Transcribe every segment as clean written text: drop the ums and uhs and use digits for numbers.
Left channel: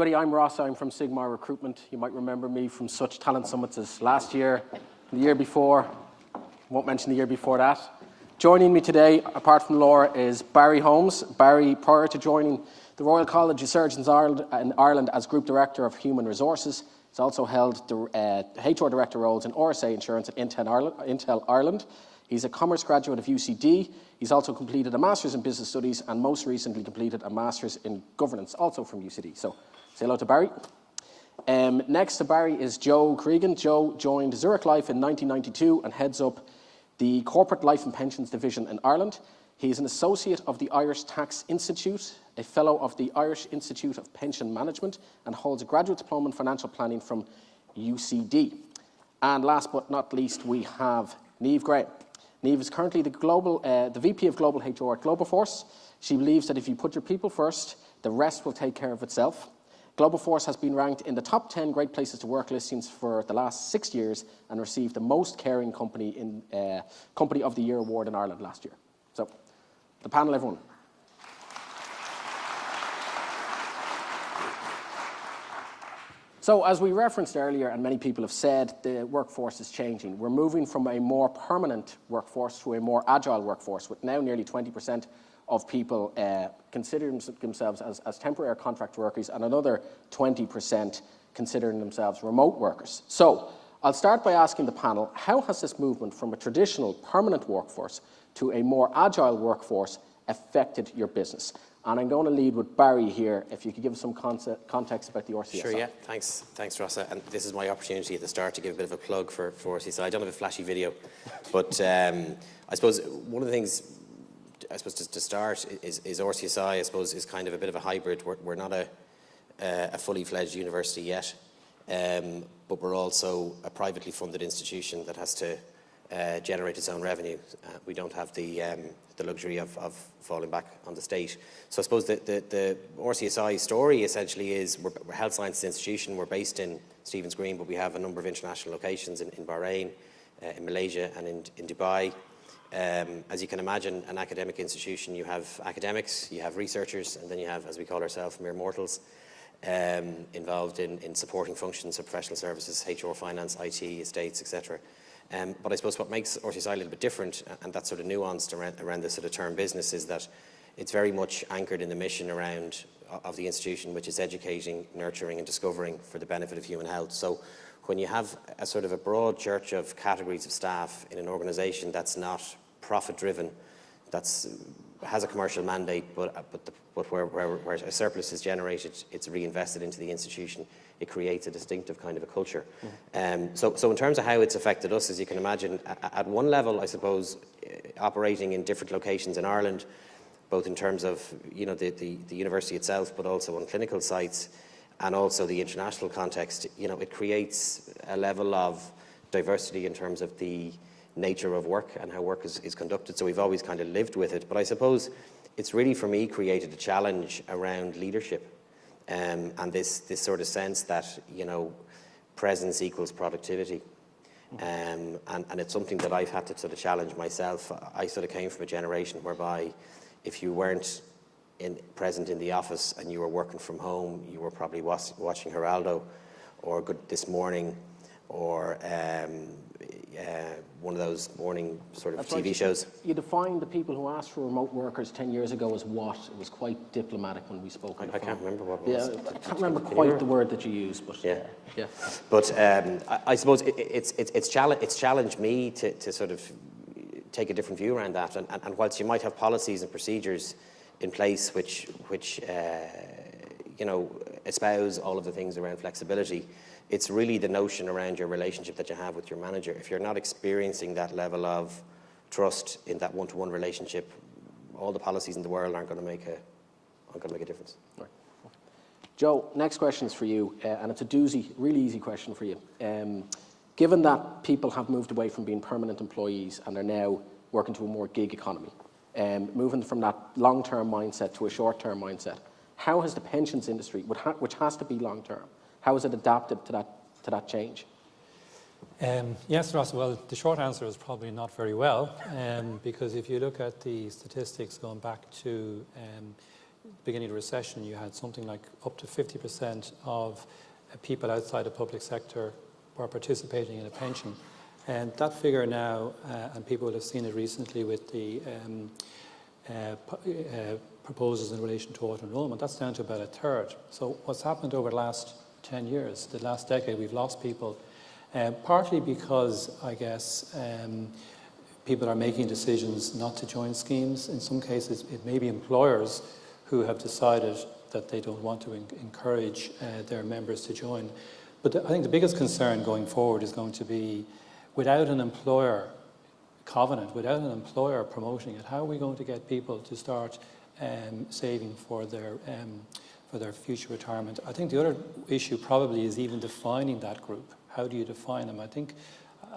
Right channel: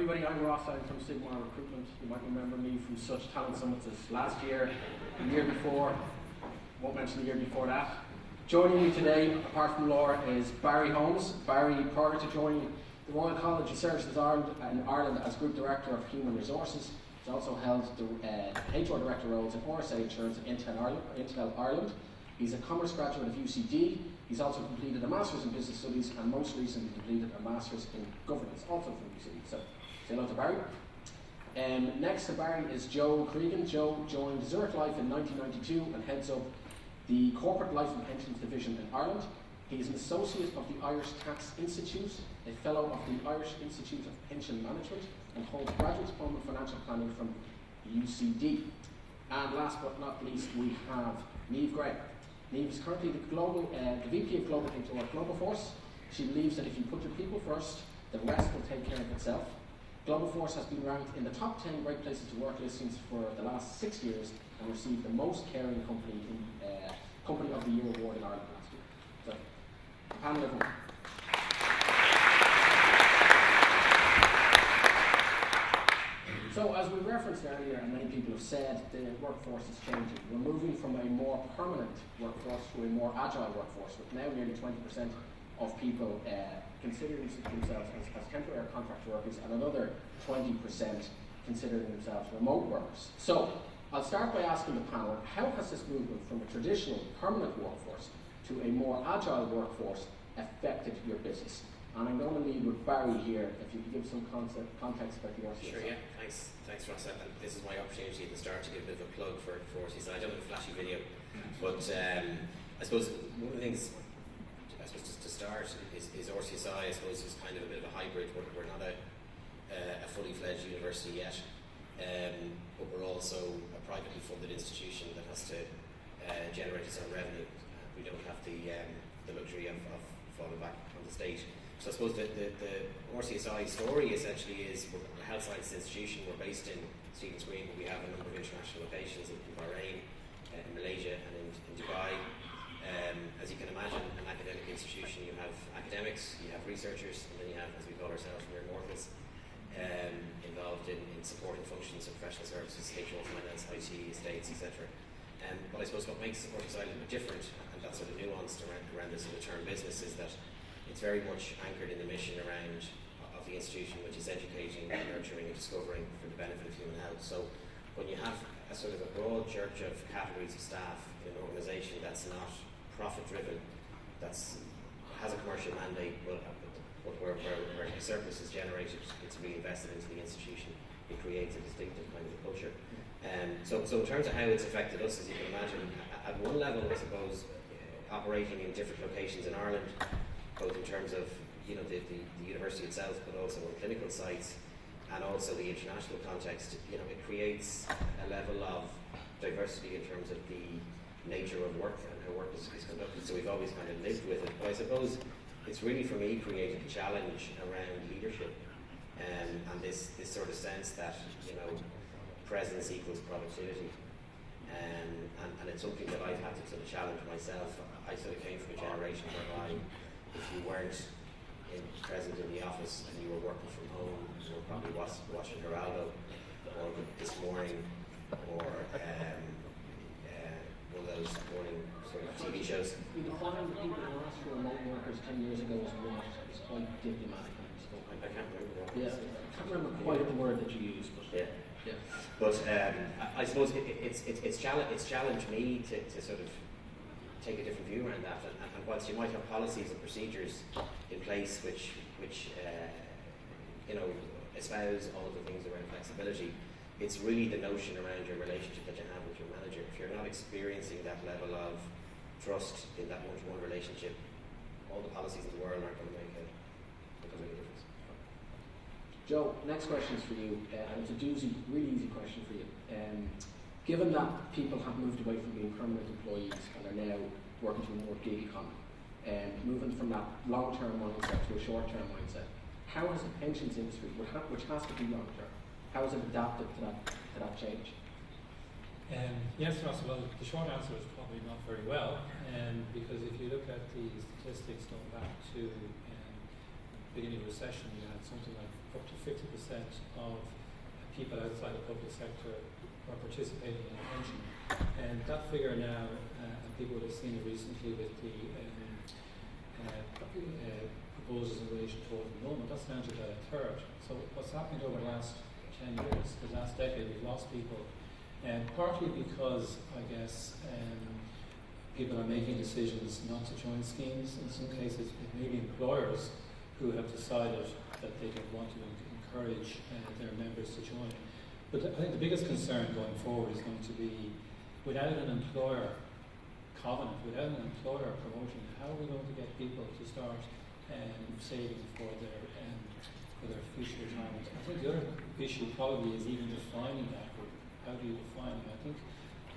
everybody, I'm Rossa. I'm from Sigmar Recruitment. You might remember me from such talent summits as last year, the year before. I won't mention the year before that. Joining me today, apart from Laura, is Barry Holmes. Barry, prior to joining the Royal College of Surgeons in Ireland as Group Director of Human Resources, he's also held HR Director roles in RSA Insurance at Intel Ireland. He's a Commerce graduate of UCD. He's also completed a Master's in Business Studies and most recently completed a Master's in Governance, also from UCD. So, say hello to Barry. Next to Barry is Joe Creegan. Joe joined Zurich Life in 1992 and heads up the Corporate Life and Pensions Division in Ireland. He's an associate of the Irish Tax Institute, a fellow of the Irish Institute of Pension Management, and holds a graduate diploma in financial planning from UCD. And last but not least, we have Niamh Gray. Niamh is currently the VP of Global HR at Globoforce. She believes that if you put your people first, the rest will take care of itself. Globoforce has been ranked in the top 10 Great Places to Work listings for the last 6 years and received the Most Caring Company of the Year award in Ireland last year. So, the panel, everyone. So, as we referenced earlier, and many people have said, the workforce is changing. We're moving from a more permanent workforce to a more agile workforce, with now nearly 20% of people considering themselves as temporary or contract workers, and another 20% considering themselves remote workers. So, I'll start by asking the panel, how has this movement from a traditional permanent workforce to a more agile workforce affected your business? And I'm going to lead with Barry here, if you could give us some context about the RCSI. Sure, yeah. Thanks, Rossa. And this is my opportunity at the start to give a bit of a plug for RCSI. I don't have a flashy video, but I suppose one of the things, to start is RCSI, I suppose, is kind of a bit of a hybrid. We're not a fully fledged university yet, but we're also a privately funded institution that has to generate its own revenue. We don't have the luxury of falling back on the state. So I suppose the RCSI story essentially is we're a health sciences institution. We're based in Stephen's Green, but we have a number of international locations in Bahrain, in Malaysia and in Dubai. As you can imagine, an academic institution, you have academics, you have researchers, and then you have, as we call ourselves, mere mortals, involved in supporting functions of professional services, HR, finance, IT, estates, etc. But I suppose what makes RCSI a little bit different, and that's sort of nuanced around this sort of term business, is that it's very much anchored in the mission of the institution, which is educating, nurturing and discovering for the benefit of human health. So when you have a sort of a broad church of categories of staff in an organisation that's not profit-driven, has a commercial mandate, but where a surplus is generated, it's reinvested into the institution, it creates a distinctive kind of a culture. So in terms of how it's affected us, as you can imagine, at one level, I suppose, operating in different locations in Ireland, both in terms of the university itself, but also on clinical sites, and also the international context, it creates a level of diversity in terms of the nature of work and how work is conducted. So we've always kind of lived with it. But I suppose it's really, for me, created a challenge around leadership, and this sort of sense that presence equals productivity. And it's something that I've had to sort of challenge myself. I sort of came from a generation whereby if you weren't present in the office and you were working from home, you were probably watching Geraldo or Good This Morning or one of those morning sort of TV shows. You defined the people who asked for remote workers 10 years ago as what? It was quite diplomatic when we spoke. I can't remember what it was. Yeah, I can't remember quite the word that you used, but yeah. But I suppose it's challenged me to sort of take a different view around that. And whilst you might have policies and procedures in place which espouse all of the things around flexibility, it's really the notion around your relationship that you have with your manager. If you're not experiencing that level of trust in that one-to-one relationship, all the policies in the world aren't going to make a difference. Right. Joe, next question is for you, and it's a doozy, really easy question for you. Given that people have moved away from being permanent employees and are now working to a more gig economy, moving from that long-term mindset to a short-term mindset, how has the pensions industry, which has to be long-term, how has it adapted to that change? Yes, Ross, well, the short answer is probably not very well, because if you look at the statistics going back to beginning of the recession, you had something like up to 50% of people outside the public sector were participating in a pension. And that figure now, and people will have seen it recently with the proposals in relation to auto-enrollment, that's down to about a third. So what's happened over the last 10 years, the last decade, we've lost people, partly because, I guess, people are making decisions not to join schemes. In some cases, it may be employers who have decided that they don't want to encourage their members to join. But I think the biggest concern going forward is going to be, without an employer covenant, without an employer promoting it, how are we going to get people to start saving for their future retirement? I think the other issue probably is even defining that group. How do you define them?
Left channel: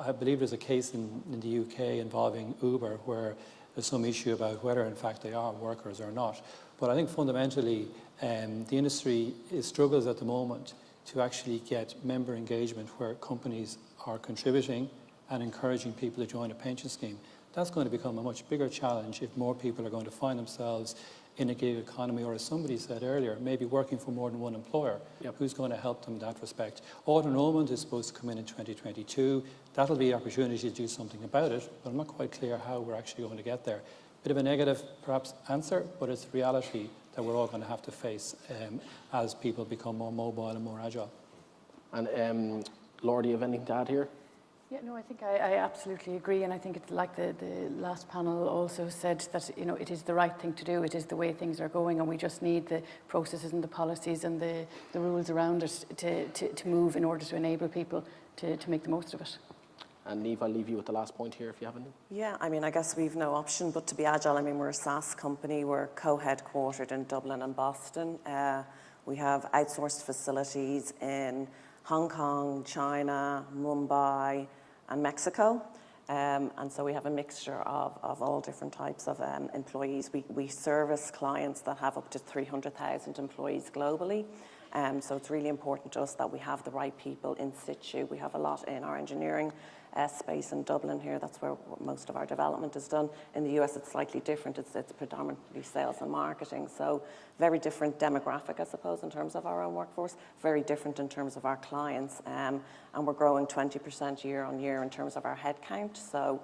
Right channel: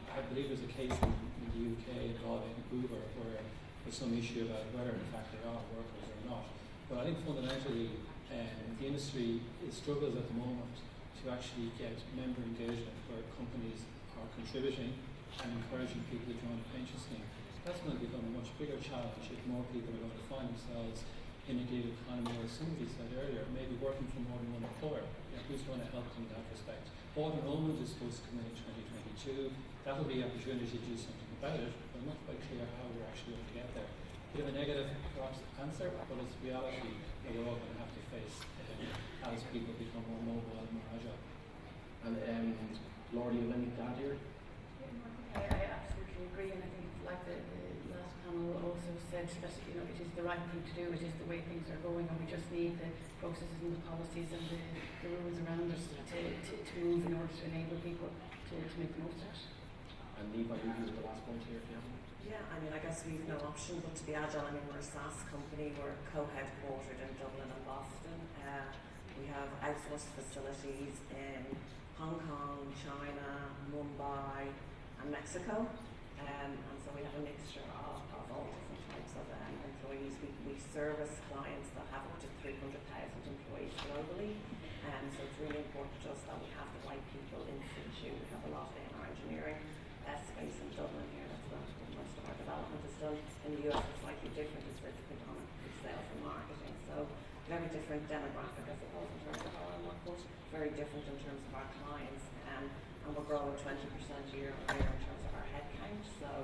I believe there's a case in the UK involving Uber where there's some issue about whether in fact they are workers or not. But I think fundamentally the industry struggles at the moment to actually get member engagement where companies are contributing and encouraging people to join a pension scheme. That's going to become a much bigger challenge if more people are going to find themselves in a gig economy, or as somebody said earlier, maybe working for more than one employer. Yep. Who's going to help them in that respect? Auto-enrollment is supposed to come in 2022. That'll be an opportunity to do something about it, but I'm not quite clear how we're actually going to get there. Bit of a negative, perhaps, answer, but it's reality that we're all going to have to face as people become more mobile and more agile. And Laura, do you have anything to add here? Yeah, no, I think I absolutely agree, and I think it's like the last panel also said that it is the right thing to do. It is the way things are going, and we just need the processes and the policies and the rules around it to move in order to enable people to make the most of it. And Niamh, I'll leave you with the last point here if you have any. Yeah, I mean, I guess we've no option but to be agile. I mean, we're a SaaS company. We're co-headquartered in Dublin and Boston. We have outsourced facilities in Hong Kong, China, Mumbai, and Mexico. And so we have a mixture of all different types of employees. We service clients that have up to 300,000 employees globally. So it's really important to us that we have the right people in situ. We have a lot in our engineering space in Dublin here. That's where most of our development is done. In the US, it's slightly different. It's predominantly sales and marketing. So very different demographic, I suppose, in terms of our own workforce. Very different in terms of our clients. And we're growing 20% year on year in terms of our headcount. So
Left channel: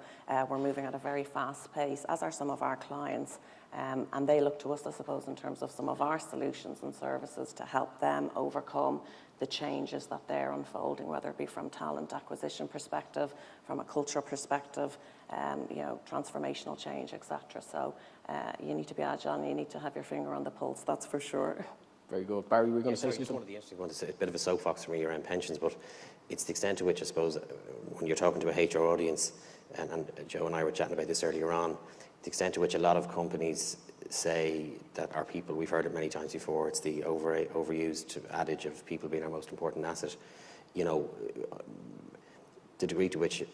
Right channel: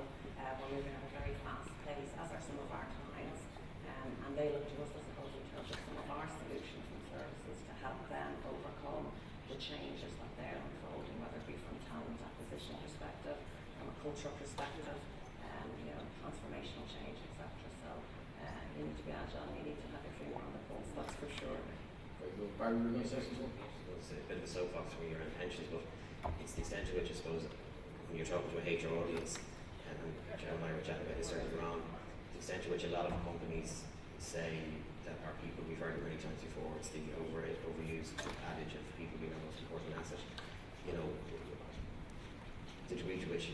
we're moving at a very fast pace, as are some of our clients. And they look to us, I suppose, in terms of some of our solutions and services to help them overcome the changes that they're unfolding, whether it be from talent acquisition perspective, from a cultural perspective, transformational change, etc. So you need to be agile and you need to have your finger on the pulse, that's for sure. Very good. Barry, we're going to say something. I want to say a bit of a soapbox for me around pensions, but it's the extent to which, I suppose, when you're talking to a HR audience, and Joe and I were chatting about this earlier on, the extent to which a lot of companies say that our people, we've heard it many times before, it's the overused adage of people being our most important asset. The degree to which,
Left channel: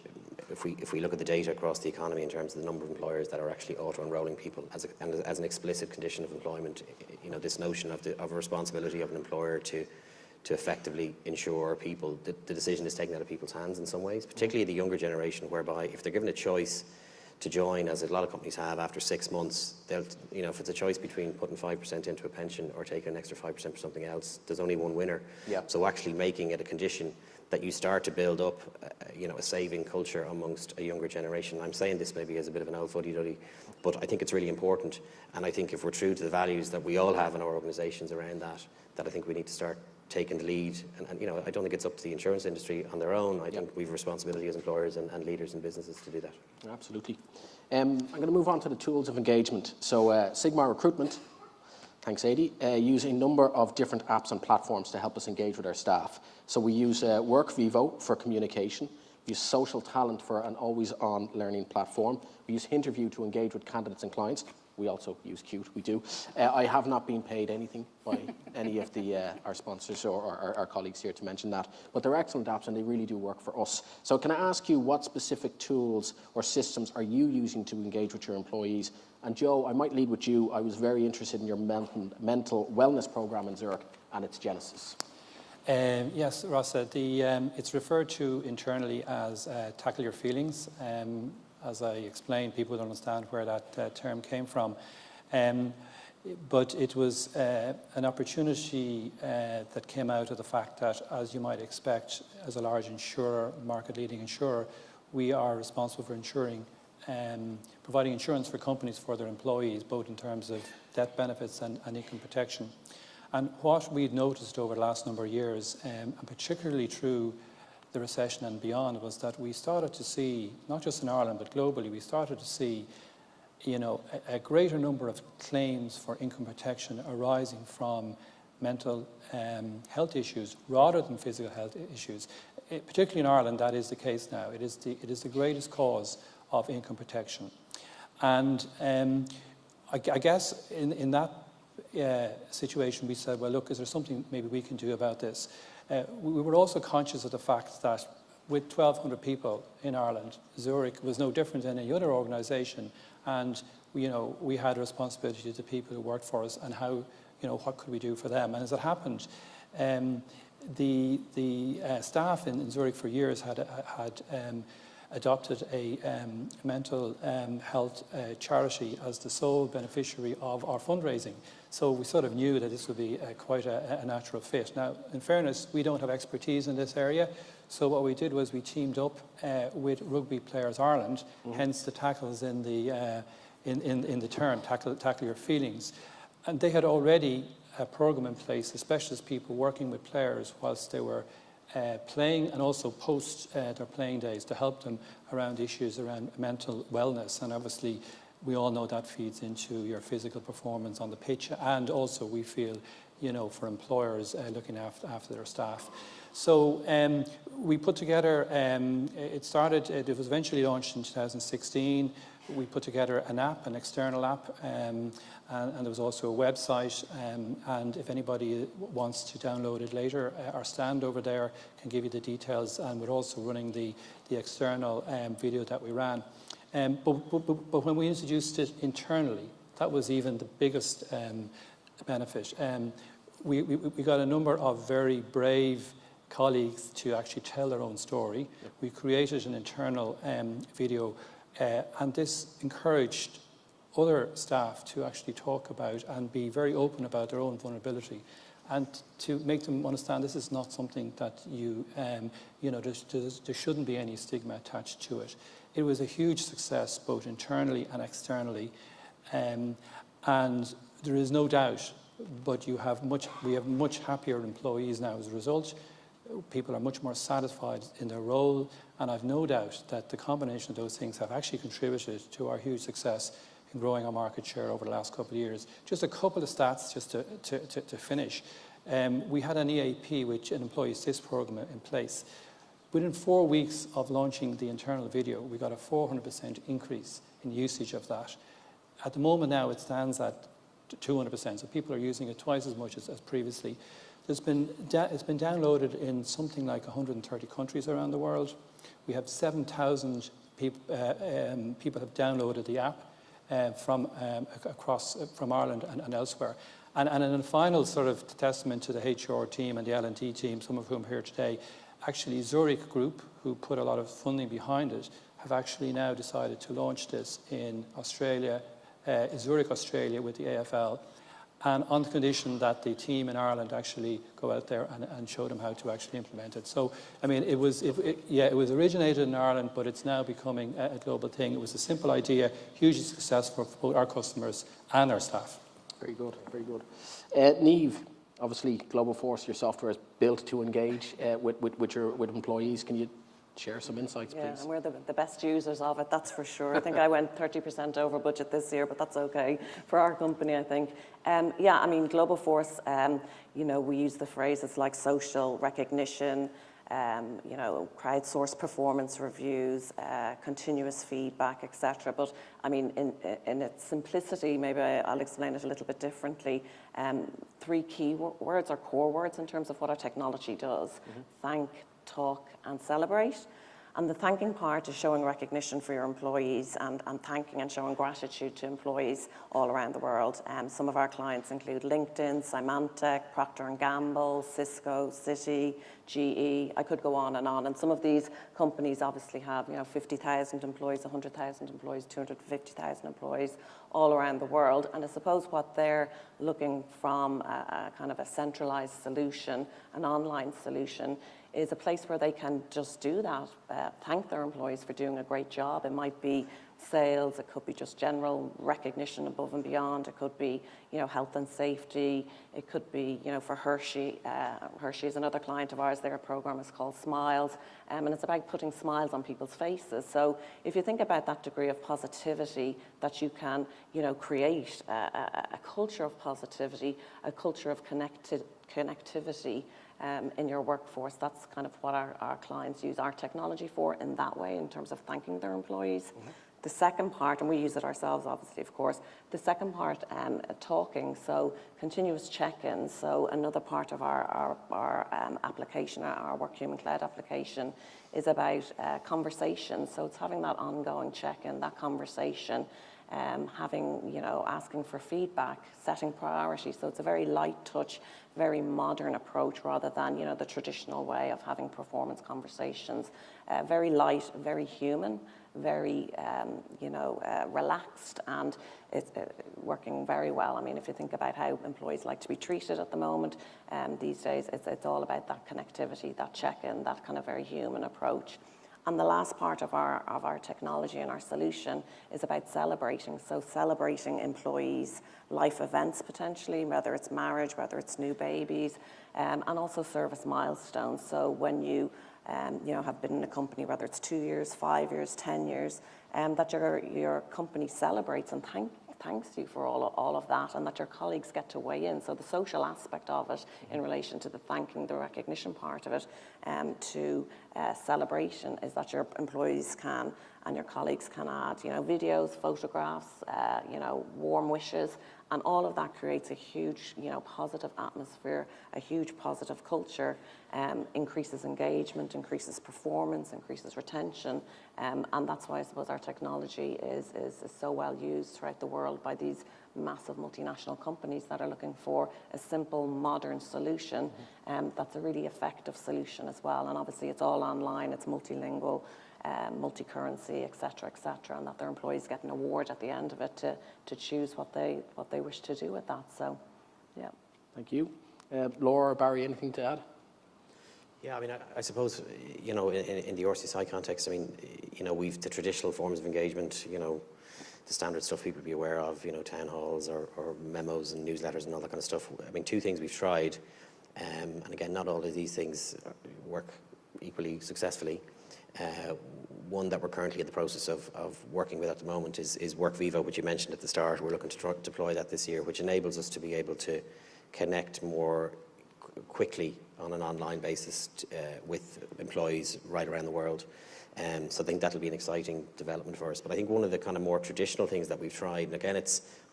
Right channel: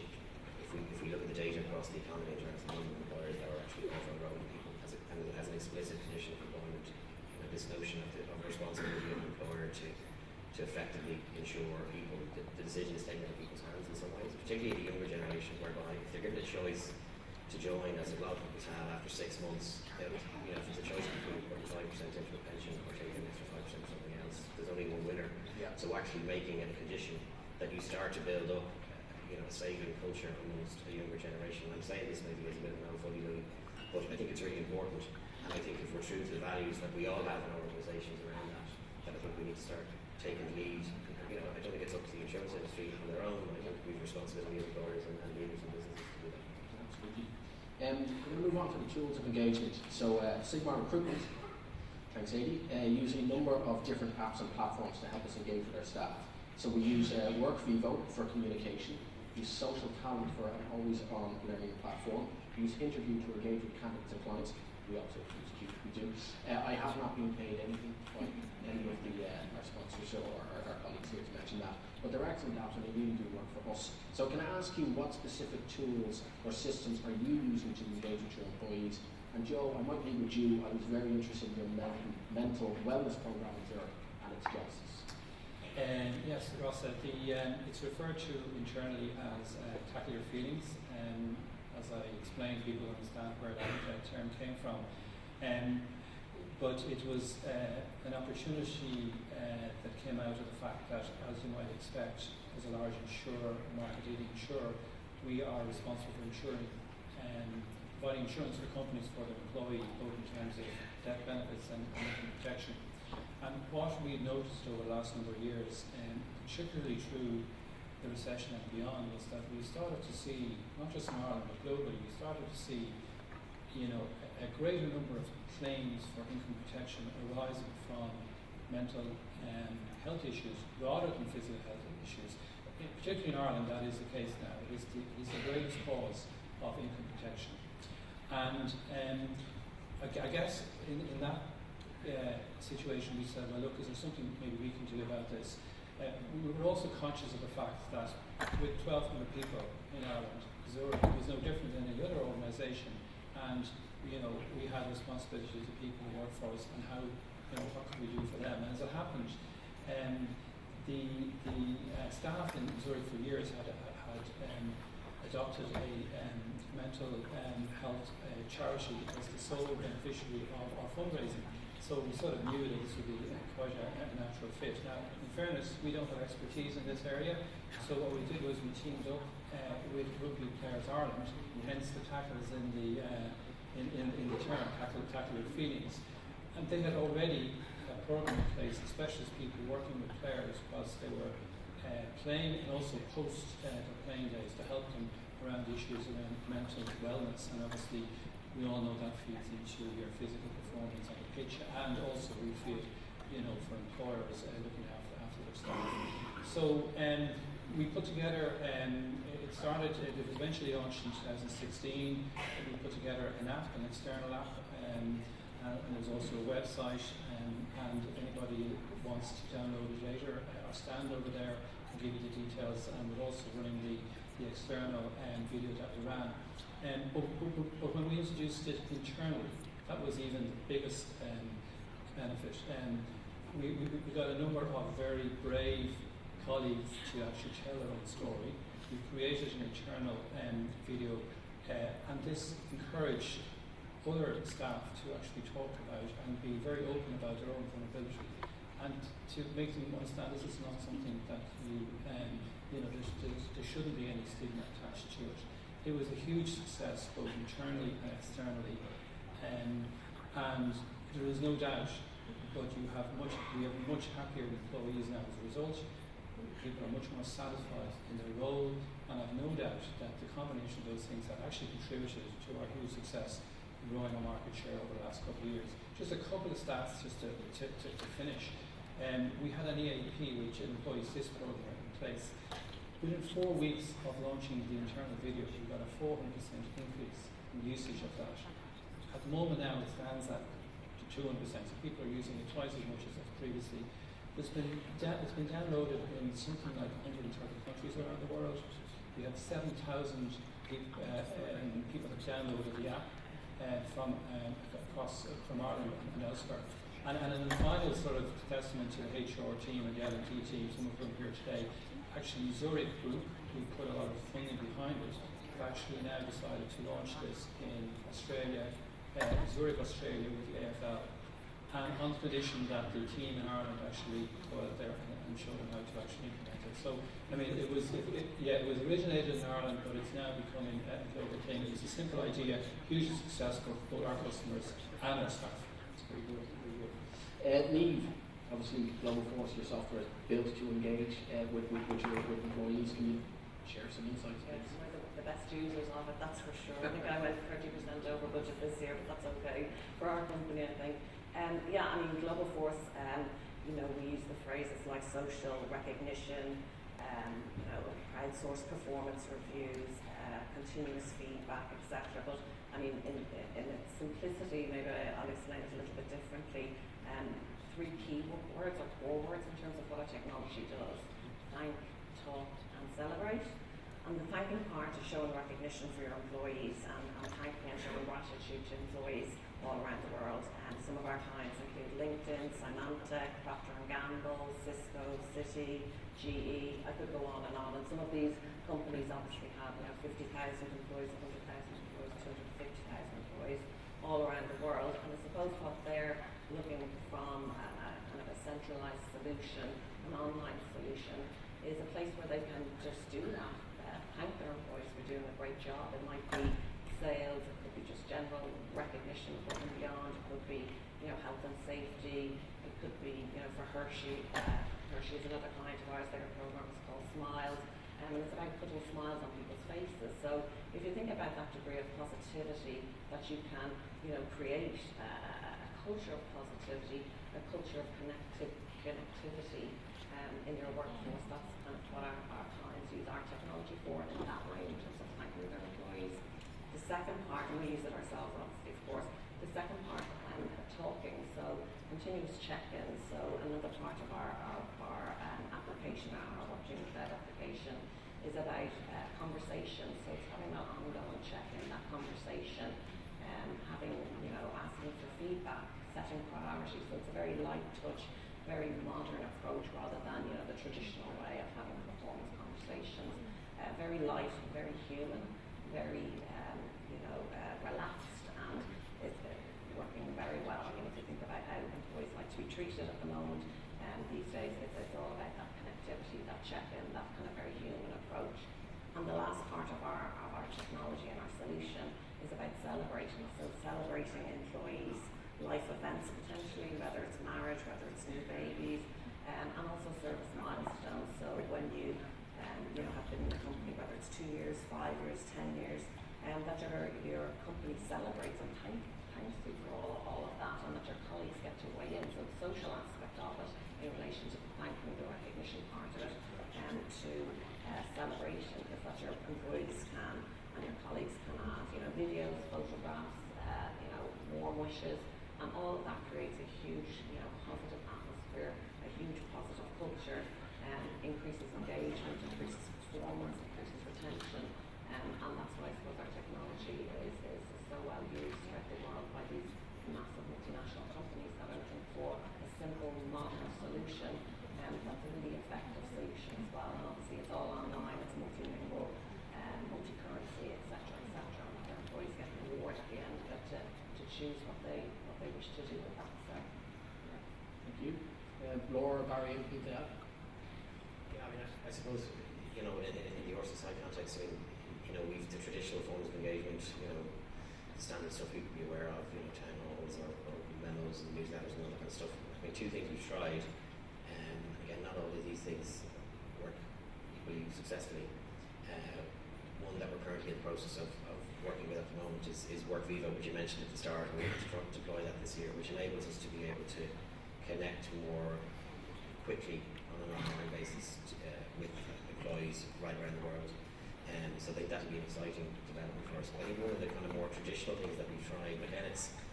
if we look at the data across the economy in terms of the number of employers that are actually auto-enrolling people as an explicit condition of employment, this notion of a responsibility of an employer to effectively ensure people, the decision is taken out of people's hands in some ways, particularly the younger generation, whereby if they're given a choice to join, as a lot of companies have, after 6 months, if it's a choice between putting 5% into a pension or taking an extra 5% for something else, there's only one winner. Yeah. So actually making it a condition that you start to build up a saving culture amongst a younger generation. I'm saying this maybe as a bit of an old fuddy-duddy, but I think it's really important, and I think if we're true to the values that we all have in our organisations around that I think we need to start taking the lead, and I don't think it's up to the insurance industry on their own. I think we have a responsibility as employers and leaders in businesses to do that. Absolutely. I'm going to move on to the tools of engagement. So Sigmar Recruitment, thanks Adi, use a number of different apps and platforms to help us engage with our staff. So we use WorkVivo for communication, use Social Talent for an always-on learning platform, we use Interview to engage with candidates and clients. We also use Qt, we do. I have not been paid anything by any of our sponsors or our colleagues here to mention that, but they're excellent apps and they really do work for us. So can I ask you what specific tools or systems are you using to engage with your employees? And Joe, I might lead with you. I was very interested in your mental wellness program in Zurich and its genesis. Yes, Rossa, it's referred to internally as Tackle Your Feelings. As I explained, people would understand where that term came from. But it was an opportunity that came out of the fact that, as you might expect, as a large insurer, market-leading insurer, we are responsible for ensuring, providing insurance for companies for their employees, both in terms of death benefits and income protection. And what we'd noticed over the last number of years, and particularly through the recession and beyond, was that we started to see, not just in Ireland but globally, we started to see, you know, a greater number of claims for income protection arising from mental health issues rather than physical health issues. Particularly in Ireland, that is the case now. It is the greatest cause of income protection. And I guess in that situation we said, well, look, is there something maybe we can do about this? We were also conscious of the fact that with 1,200 people in Ireland, Zurich was no different than any other organisation, and you know, we had a responsibility to the people who worked for us, and how, you know, what could we do for them? And as it happened, the staff in Zurich for years had adopted a mental health charity as the sole beneficiary of our fundraising. So we sort of knew that this would be quite a natural fit. Now, in fairness, we don't have expertise in this area, so what we did was we teamed up with Rugby Players Ireland, hence the tackles in the term, tackle your feelings. And they had already a program in place, especially people working with players whilst they were playing, and also post their playing days, to help them around issues around mental wellness. And obviously we all know that feeds into your physical performance on the pitch, and also we feel, you know, for employers looking after their staff. So we put together, it was eventually launched in 2016. We put together an app, an external app, and there was also a website, and if anybody wants to download it later, our stand over there can give you the details, and we're also running the external video that we ran. But when we introduced it internally, that was even the biggest benefit. We got a number of very brave colleagues to actually tell their own story. We created an internal video, and this encouraged other staff to actually talk about and be very open about their own vulnerability, and to make them understand this is not something that you know, there shouldn't be any stigma attached to it. It was a huge success both internally and externally, and there is no doubt, but we have much happier employees now as a result. People are much more satisfied in their role, and I've no doubt that the combination of those things have actually contributed to our huge success in growing our market share over the last couple of years. Just a couple of stats just to finish. We had an EAP, which an employee assist program in place. Within 4 weeks of launching the internal video, we got a 400% increase in usage of that. At the moment now, it stands at 200%, so people are using it twice as much as previously. It's been downloaded in something like 130 countries around the world. We have 7,000 people have downloaded the app from Ireland and elsewhere. And in the final sort of testament to the HR team and the L&D team, some of whom are here today, actually Zurich Group, who put a lot of funding behind it, have actually now decided to launch this in Australia, Zurich, Australia, with the AFL, and on the condition that the team in Ireland actually go out there and show them how to actually implement it. So, I mean, it was originated in Ireland, but it's now becoming a global thing. It was a simple idea, hugely successful for both our customers and our staff. Very good, very good. Niamh, obviously Globoforce, your software is built to engage with employees. Can you share some insights, please? Yeah, and we're the best users of it, that's for sure. I think I went 30% over budget this year, but that's okay for our company, I think. Yeah, I mean, Globoforce, you know, we use the phrases like social recognition, you know, crowdsourced performance reviews, continuous feedback, etc. But I mean, in its simplicity, maybe I'll explain it a little bit differently. 3 key words or core words in terms of what our technology does: thank, talk, and celebrate. And the thanking part is showing recognition for your employees, and thanking and showing gratitude to employees all around the world. Some of our clients include LinkedIn, Symantec, Procter & Gamble, Cisco, Citi, GE. I could go on, and some of these companies obviously have, you know, 50,000 employees, 100,000 employees, 250,000 employees, all around the world. And I suppose what they're looking from a kind of a centralised solution, an online solution, is a place where they can just do that, thank their employees for doing a great job. It might be sales, it could be just general recognition above and beyond, it could be, you know, health and safety, it could be, you know, for Hershey. Hershey is another client of ours. Their program is called Smiles, and it's about putting smiles on people's faces. So if you think about that degree of positivity that you can, you know, create a culture of positivity, a culture of connectivity in your workforce, that's kind of what our clients use our technology for in that way, in terms of thanking their employees. The second part, and we use it ourselves obviously, of course, the second part, talking, so continuous check-ins. So another part of our application, our Work Human Cloud application, is about conversation. So it's having that ongoing check-in, that conversation, having, you know, asking for feedback, setting priorities. So it's a very light touch, very modern approach rather than, you know, the traditional way of having performance conversations. Very light, very human, very, you know, relaxed, and it's working very well. I mean, if you think about how employees like to be treated at the moment, these days, it's all about that connectivity, that check-in, that kind of very human approach. And the last part of our technology and our solution is about celebrating. So celebrating employees' life events potentially, whether it's marriage, whether it's new babies, and also service milestones. So when you you know, have been in a company, whether it's 2 years, 5 years, 10 years, that your company celebrates and thanks you for all of that, and that your colleagues get to weigh in. So the social aspect of it in relation to the thanking, the recognition part of it, to celebration, is that your employees can and your colleagues can add, you know, videos, photographs, you know, warm wishes, and all of that creates a huge, you know, positive atmosphere, a huge positive culture, increases engagement, increases performance, increases retention, and that's why I suppose our technology is so well used throughout the world by these massive multinational companies that are looking for a simple, modern solution, that's a really effective solution as well. And obviously it's all online, it's multilingual, multi-currency, etc., and that their employees get an award at the end of it to choose what they wish to do with that. So, yeah. Thank you. Laura or Barry, anything to add? Yeah, I mean, I suppose, you know, in the RCSI context, I mean, you know, we've the traditional forms of engagement, you know, the standard stuff people be aware of, you know, town halls or memos and newsletters and all that kind of stuff. I mean, two things we've tried, and again, not all of these things work equally successfully. One that we're currently in the process of working with at the moment is WorkVivo, which you mentioned at the start. We're looking to deploy that this year, which enables us to be able to connect more quickly on an online basis with employees right around the world. So I think that'll be an exciting development for us. But I think one of the kind of more traditional things that we've tried, and again,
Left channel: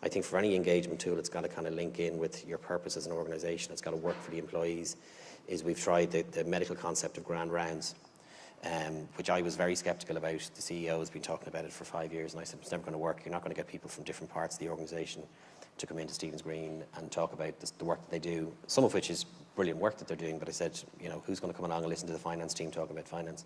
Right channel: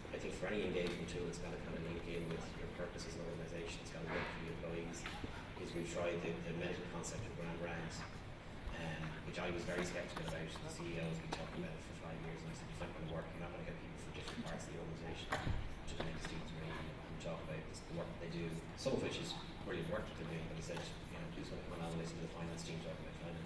I think for any engagement tool, it's got to kind of link in with your purpose as an organisation. It's got to work for the employees. Is we've tried the medical concept of grand rounds, which I was very sceptical about. The CEO has been talking about it for 5 years, and I said it's never going to work. You're not going to get people from different parts of the organisation to come into Stephen's Green and talk about the work that they do, some of which is brilliant work that they're doing, but I said, you know, who's going to come along and listen to the finance team talk about finance?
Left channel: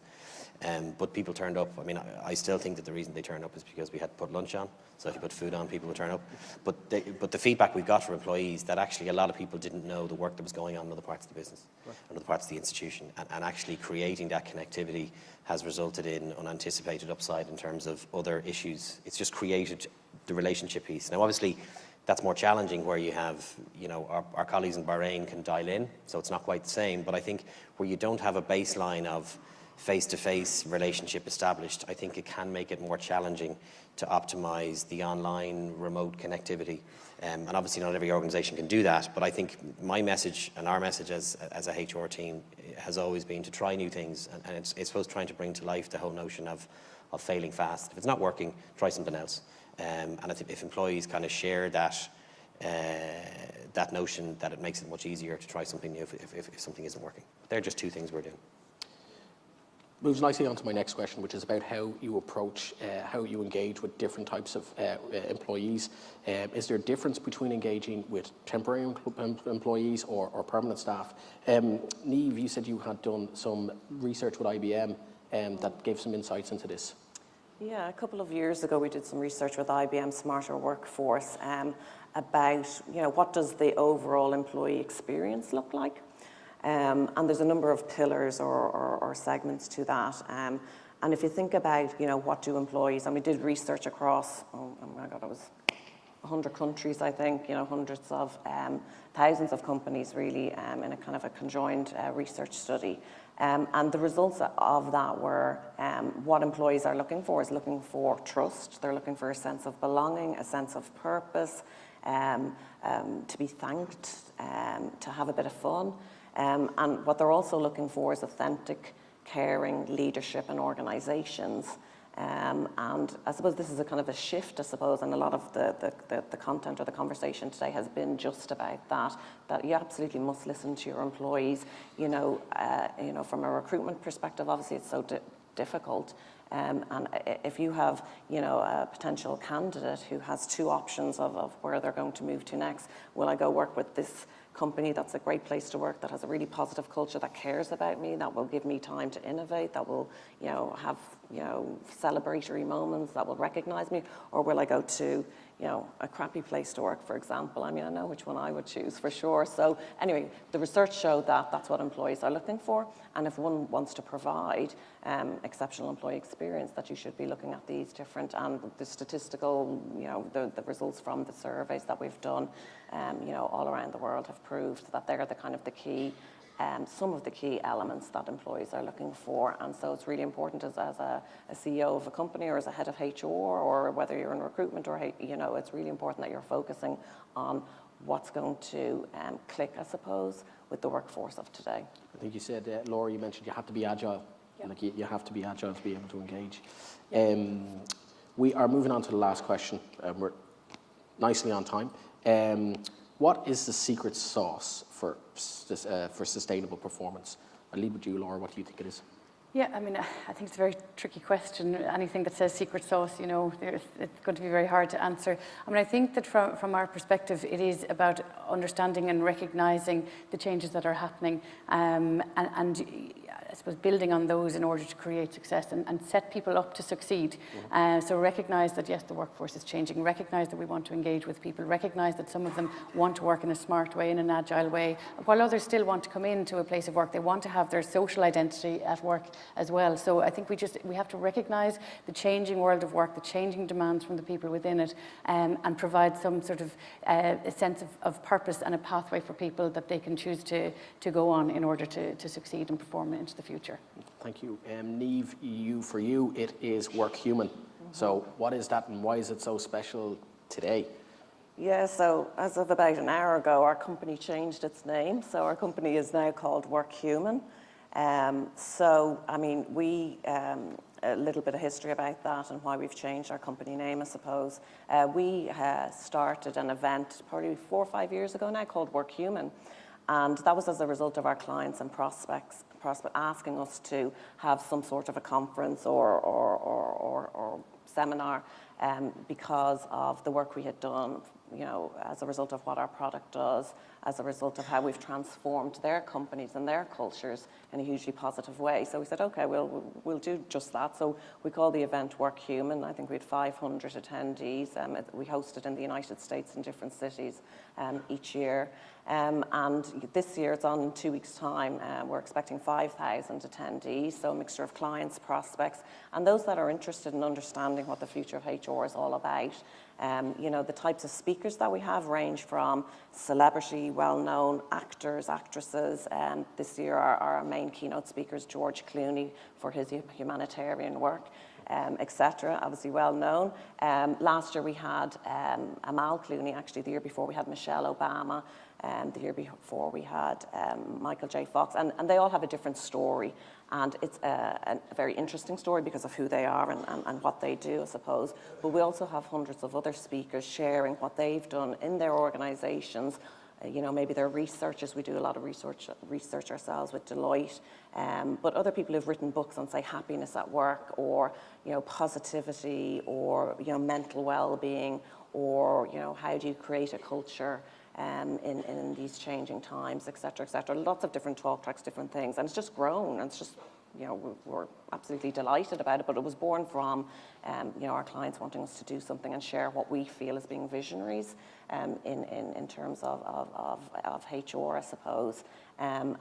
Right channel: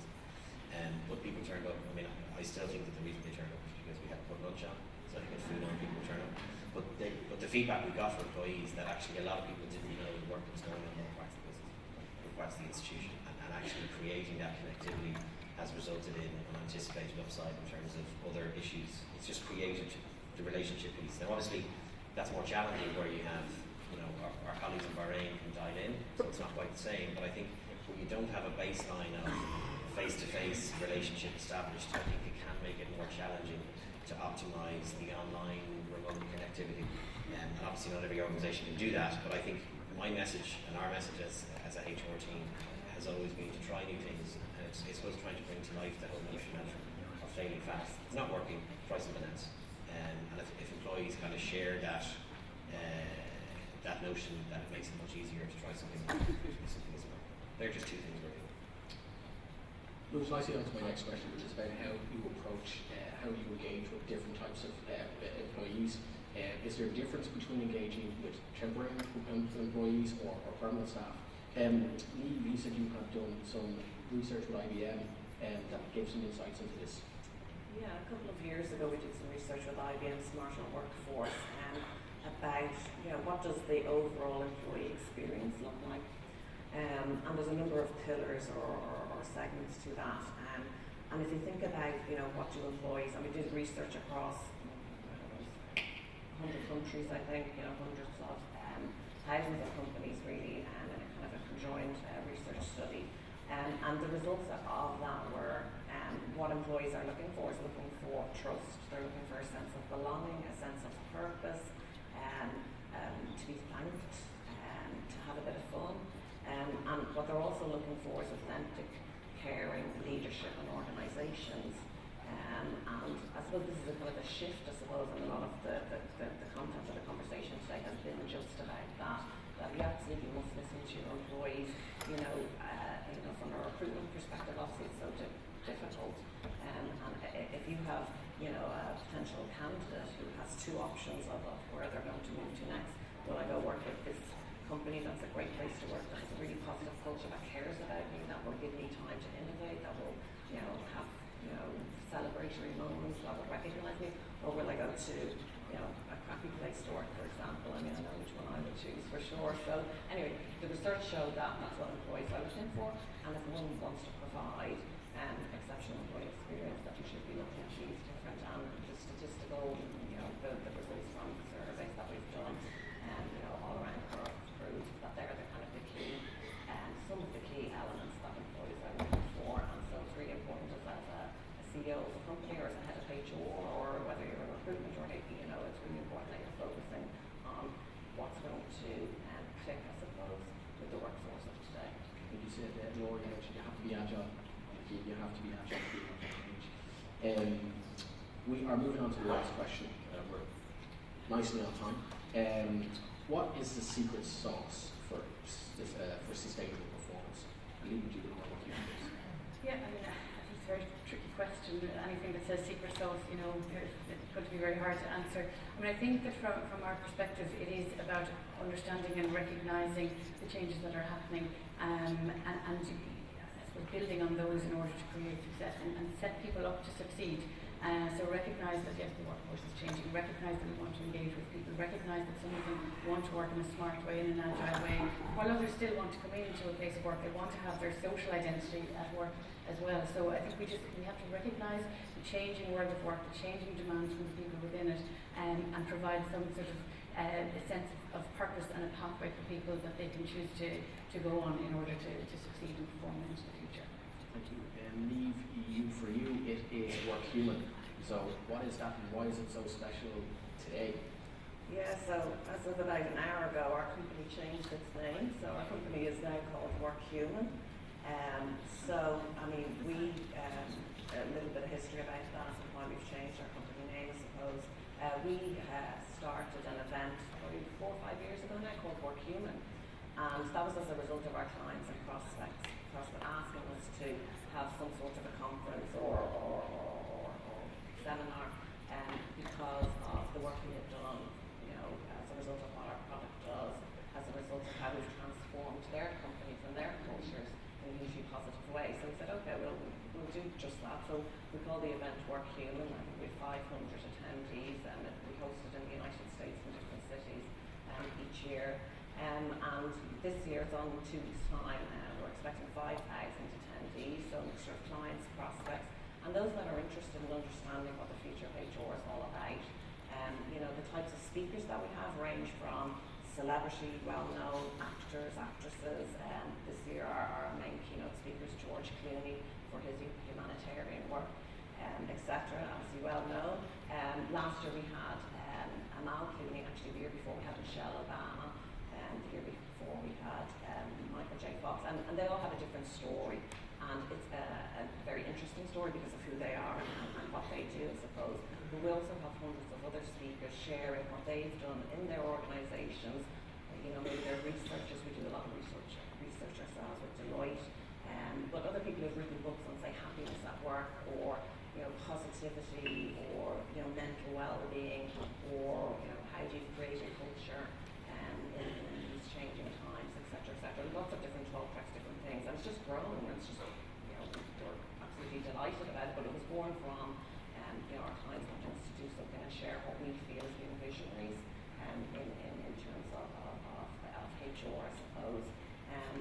But people turned up. I mean, I still think that the reason they turned up is because we had to put lunch on, so if you put food on, people would turn up. But the feedback we got from employees, that actually a lot of people didn't know the work that was going on in other parts of the business, and other parts of the institution, and actually creating that connectivity has resulted in unanticipated upside in terms of other issues. It's just created the relationship piece. Now, obviously, that's more challenging where you have, you know, our colleagues in Bahrain can dial in, so it's not quite the same. But I think where you don't have a baseline of face-to-face relationship established, I think it can make it more challenging to optimize the online remote connectivity. And obviously not every organisation can do that, but I think my message and our message as a HR team has always been to try new things, and it's supposed to trying to bring to life the whole notion of failing fast. If it's not working, try something else. And if employees kind of share that notion, that it makes it much easier to try something new if something isn't working. They're just two things we're doing. Moves nicely on to my next question, which is about how you approach, how you engage with different types of employees. Is there a difference between engaging with temporary employees or permanent staff? Niamh, you said you had done some research with IBM that gave some insights into this. Yeah, a couple of years ago we did some research with IBM Smarter Workforce about, what does the overall employee experience look like? And there's a number of pillars or segments to that. And if you think about, what do employees, and we did research across, oh my God, it was 100 countries, I think, hundreds of, thousands of companies really, in a kind of a conjoined research study. And the results of that were what employees are looking for is looking for trust. They're looking for a sense of belonging, a sense of purpose, to be thanked, to have a bit of fun. And what they're also looking for is authentic, caring leadership in organisations. And I suppose this is a kind of a shift, I suppose, and a lot of the content of the conversation today has been just about that you absolutely must listen to your employees. From a recruitment perspective, obviously it's so difficult. And if you have, a potential candidate who has two options of where they're going to move to next, will I go work with this company that's a great place to work, that has a really positive culture, that cares about me, that will give me time to innovate, that will, have, celebratory moments, that will recognise me, or will I go to, a crappy place to work, for example? I mean, I know which one I would choose for sure. So anyway, the research showed that that's what employees are looking for, and if one wants to provide exceptional employee experience, that you should be looking at these different, and the statistical, the results from the surveys that we've done, all around the world have proved that they're the kind of the key, some of the key elements that employees are looking for. And so it's really important as a CEO of a company, or as a head of HR, or whether you're in recruitment, or it's really important that you're focusing on what's going to click, I suppose, with the workforce of today. I think you said, Laura, you mentioned you have to be agile. Yeah. Like you have to be agile to be able to engage. We are moving on to the last question. We're nicely on time. What is the secret sauce for sustainable performance? I'll leave it with you, Laura. What do you think it is? Yeah, I mean, I think it's a very tricky question. Anything that says secret sauce, it's going to be very hard to answer. I mean, I think that from our perspective, it is about understanding and recognising the changes that are happening, and I suppose building on those in order to create success and set people up to succeed. So recognise that, yes, the workforce is changing, recognise that we want to engage with people, recognise that some of them want to work in a smart way, in an agile way, while others still want to come into a place of work. They want to have their social identity at work as well. So I think we have to recognise the changing world of work, the changing demands from the people within it, and provide some sort of a sense of purpose and a pathway for people that they can choose to go on in order to succeed and perform into the future. Thank you. Niamh, for you, it is Work Human. So what is that, and why is it so special today? Yeah, so as of about an hour ago, our company changed its name. So our company is now called Work Human. So, I mean, a little bit of history about that and why we've changed our company name, I suppose. We started an event probably 4 or 5 years ago now called Work Human. And that was as a result of our clients and prospects asking us to have some sort of a conference or seminar because of the work we had done, as a result of what our product does, as a result of how we've transformed their companies and their cultures in a hugely positive way. So we said, okay, we'll do just that. So we call the event Work Human. I think we had 500 attendees. We hosted in the United States in different cities each year. And this year, it's on 2 weeks' time. We're expecting 5,000 attendees, so a mixture of clients, prospects, and those that are interested in understanding what the future of HR is all about. The types of speakers that we have range from celebrity, well-known actors, actresses. This year, our main keynote speaker is George Clooney for his humanitarian work, etc. Obviously well known. Last year we had Amal Clooney. Actually, the year before we had Michelle Obama. The year before we had Michael J. Fox, and they all have a different story, and it's a very interesting story because of who they are and what they do, I suppose. But we also have hundreds of other speakers sharing what they've done in their organisations. Maybe they're researchers. We do a lot of research ourselves with Deloitte, but other people who've written books on, say, happiness at work, or positivity, or mental well-being, or how do you create a culture in these changing times, etc., etc. Lots of different talk tracks, different things, and it's just grown. And it's just, we're absolutely delighted about it. But it was born from our clients wanting us to do something and share what we feel as being visionaries in terms of HR, I suppose. And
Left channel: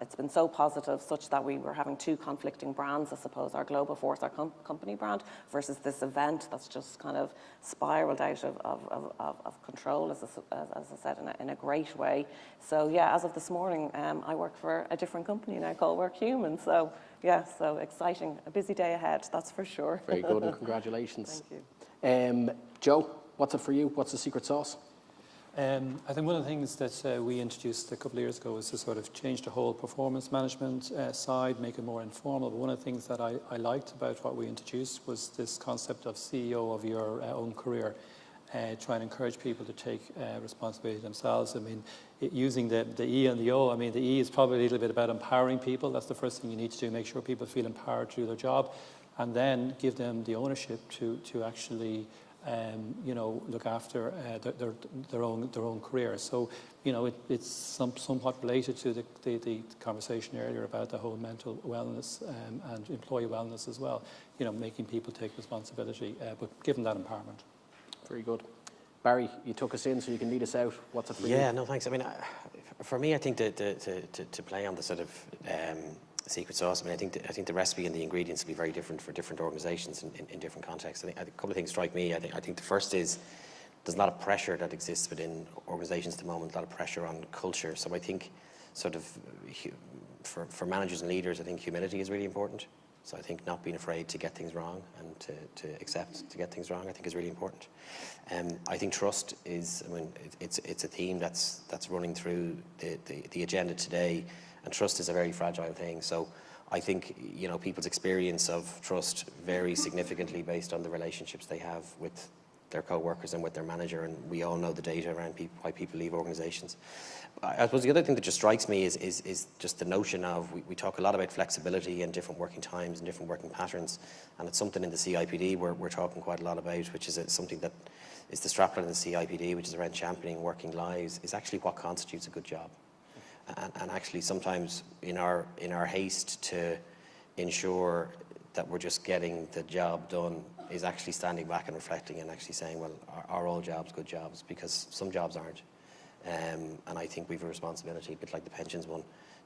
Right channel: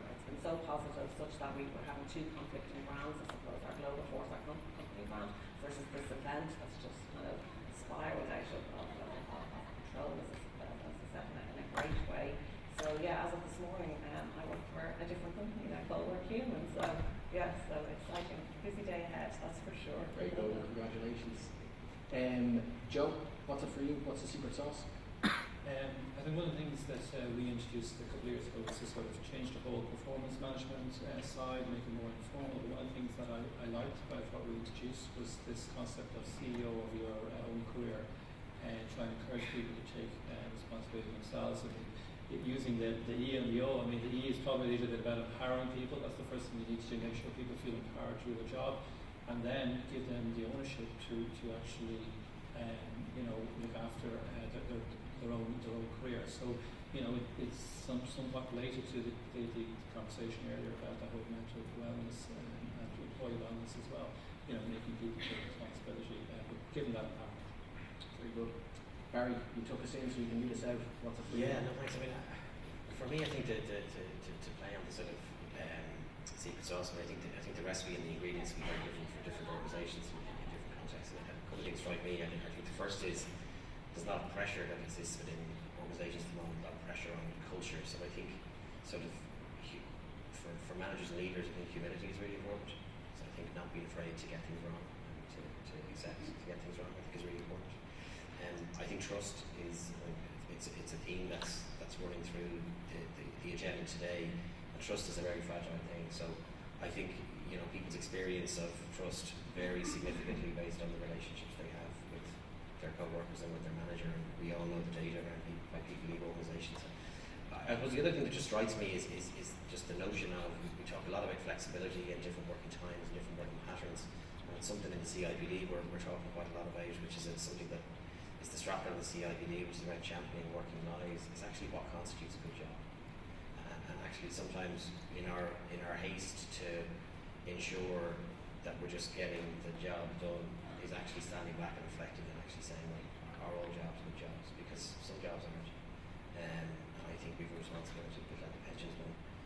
it's been so positive such that we were having two conflicting brands, I suppose, our Globoforce, our company brand, versus this event that's just kind of spiraled out of control, as I said, in a great way. So yeah, as of this morning, I work for a different company now called Work Human. So yeah, so exciting, a busy day ahead, that's for sure. Very good, and congratulations. Joe, what's it for you? What's the secret sauce? I think one of the things that we introduced a couple of years ago was to sort of change the whole performance management side, make it more informal. But one of the things that I liked about what we introduced was this concept of CEO of your own career, trying to encourage people to take responsibility themselves. I mean, using the E and the O, I mean, the E is probably a little bit about empowering people. That's the first thing you need to do, make sure people feel empowered to do their job, and then give them the ownership to actually look after their own career. So, it's somewhat related to the conversation earlier about the whole mental wellness and employee wellness as well. Making people take responsibility, but giving that empowerment. Very good. Barry, you took us in, so you can lead us out. What's it for you? Yeah, no, thanks. I mean, for me, I think to play on the sort of secret sauce, I mean, I think the recipe and the ingredients can be very different for different organisations in different contexts. I think a couple of things strike me. I think the first is there's a lot of pressure that exists within organisations at the moment, a lot of pressure on culture. So I think sort of for managers and leaders, I think humility is really important. So I think not being afraid to get things wrong and to accept to get things wrong, I think is really important. I think trust is, I mean, it's a theme that's running through the agenda today. And trust is a very fragile thing. So I think, people's experience of trust varies significantly based on the relationships they have with their co-workers and with their manager. And we all know the data around why people leave organisations. I suppose the other thing that just strikes me is just the notion of, we talk a lot about flexibility and different working times and different working patterns. And it's something in the CIPD we're talking quite a lot about, which is something that is the strapline in the CIPD, which is around championing working lives, is actually what constitutes a good job. And actually sometimes in our haste to ensure that we're just getting the job done is actually standing back and reflecting and actually saying, well, are all jobs good jobs? Because some jobs aren't. And I think we have a responsibility, a bit like the pensions one,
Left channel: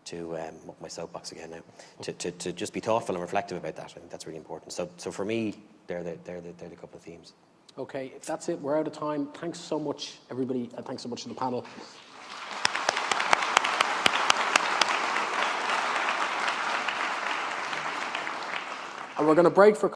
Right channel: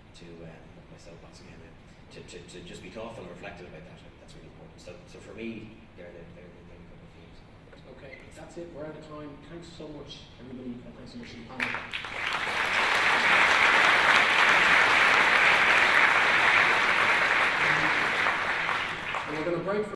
to up my soapbox again now, to just be thoughtful and reflective about that. I think that's really important. So for me, they're the couple of themes. Okay, that's it. We're out of time. Thanks so much, everybody, and thanks so much to the panel. And we're going to break for